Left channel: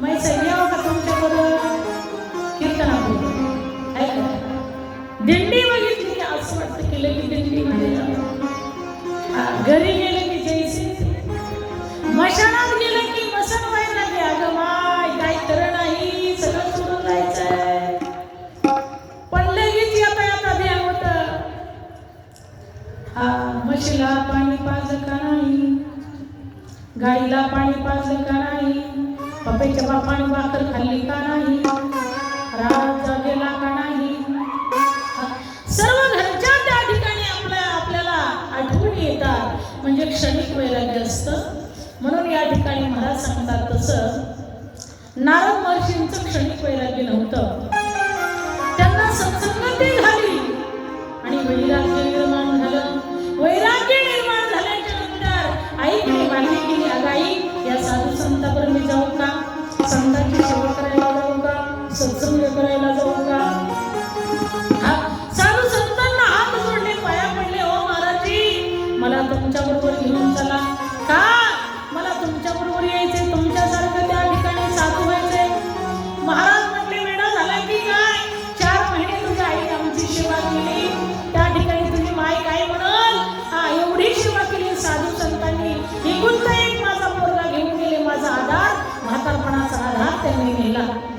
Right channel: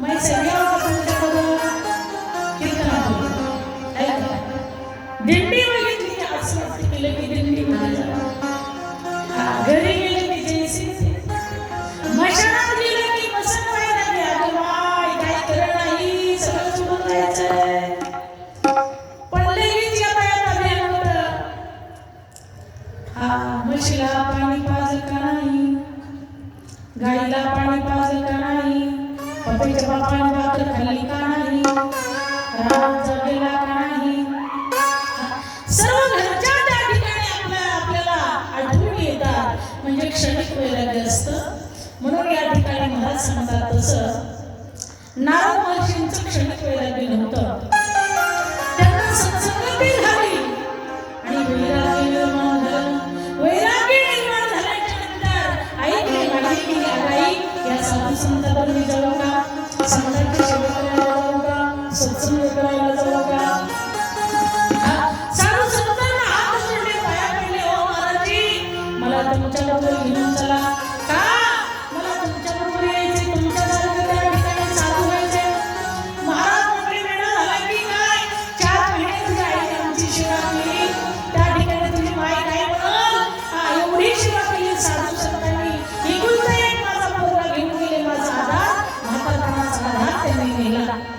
माय यावं का तुमच्याबरोबर कीर्तनाबरोबर ऐका. दिंडी बघितली की असं वाटतं केलं की म्हणजे क्षणिक वैराग्य असतं. म्हणून या ठिकाणी महाराज सांगतात तसं नारद महर्षींचं क्षणिक वैराग्य नव्हतं. त्यांना सत्संगती झाली. आणि वैराग्य निर्माण झालं. वैराग्य निर्माण झाल्याच्यानंतर आईकडे मागणी केली अगं या साधू संतांवर मी जाऊ का? संतांची सेवा करायला जाऊ का? सत्संग करायला तुमच्याबरोबर घेऊन चला. का? मला तुमच्याबरोबर यायचंय. तुमच्यासारखं त्या ठिकाणी साधू व्हायचंय. महाराज म्हटले वेळा झाला की काय? चार महिने तुझ्या आईने आमची सेवा केली. त्या ठिकाणी तुझी माय काय म्हणून हा एवढी सेवा केली साधू संतांनी. एकुलता एक माझा पोरगा घेऊन गेले. माझा आधार म्हातारपणाचा आधार त्यांनी नेला.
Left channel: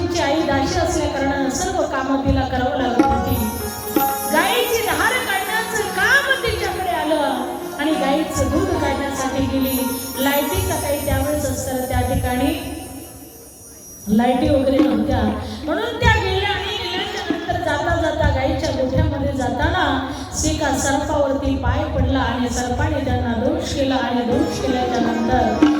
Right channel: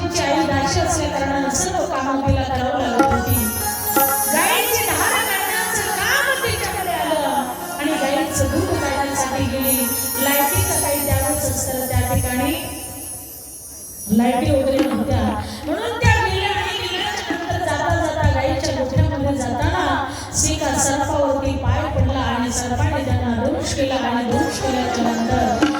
नारदजींची आई दाशी असल्या सर्व कामं तिला करावं लागत होती. गायीची धार काढण्याचं काम तिच्याकडे आलं. आणि गायीचं दूध काढण्यासाठी गेली. लाईटीचा काही त्यावेळेस असतं त्या ठिकाणी लाईटी वगैरे नव्हत्या. म्हणून त्या गेल्या आणि गेल्याच्यानंतर जाता जाता गाईच्या गोठ्यामध्ये जाताना एका सर्पावरती पाय पडला आणि सर्पाने त्यांना दोष केला आणि दोष केल्याच्यानंतर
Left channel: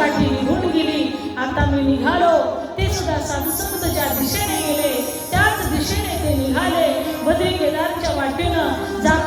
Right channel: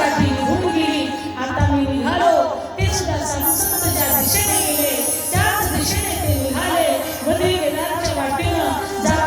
काठी निघून गेली. आता मी निघालो. ते सुद्धा सामसंत ज्या दिशेने गेले. त्याच दिशेने ते निघाले. बद्री केदारच्या वाटेनं जा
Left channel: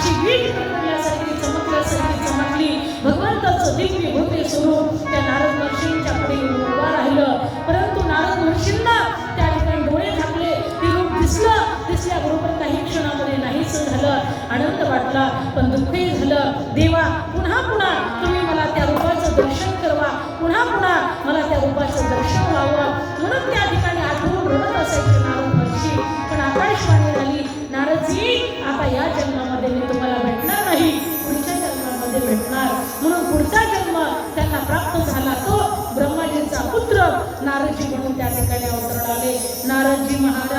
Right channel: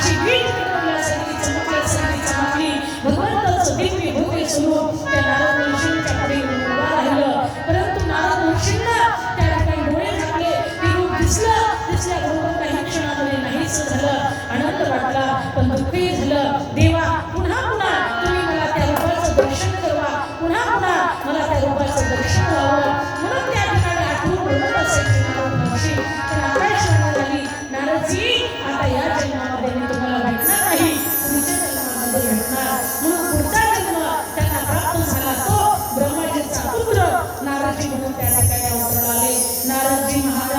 अशी वीट पेटवल्यासारखी चमकल्यासारखी चमकली भगवंताचं दिव्य भव्य स्वरूप त्या नारद महर्षींच्या पुढे उभा राहिलं. परंतु नारद महर्षींना त्या ठिकाणी डोळे झाकले. ते रूप दिसलं. दिसल्याबरोबर काही क्षणामध्ये नाहीच झालं. आनंद वाटला. पण दुःखही झालं. देवा पुन्हा पुन्हा तुम्ही मला त्या रूपाचं दर्शन करवा. पुन्हा पुन्हा मला त्या रूपाचं दर्शन व्हावं. म्हणून त्या ठिकाणी आता आकाशवाणी झाली नारदजी आता या जन्मामध्ये तुम्हाला भेटणार नाही पुढच्या जन्मामध्ये भेटणार म्हणून पुढचा जन्म त्यांना प्राप्त झाला तो ब्रह्माजीचा पुत्र नारदजी म्हणून त्या ठिकाणी अवतरण आले नारदजी महा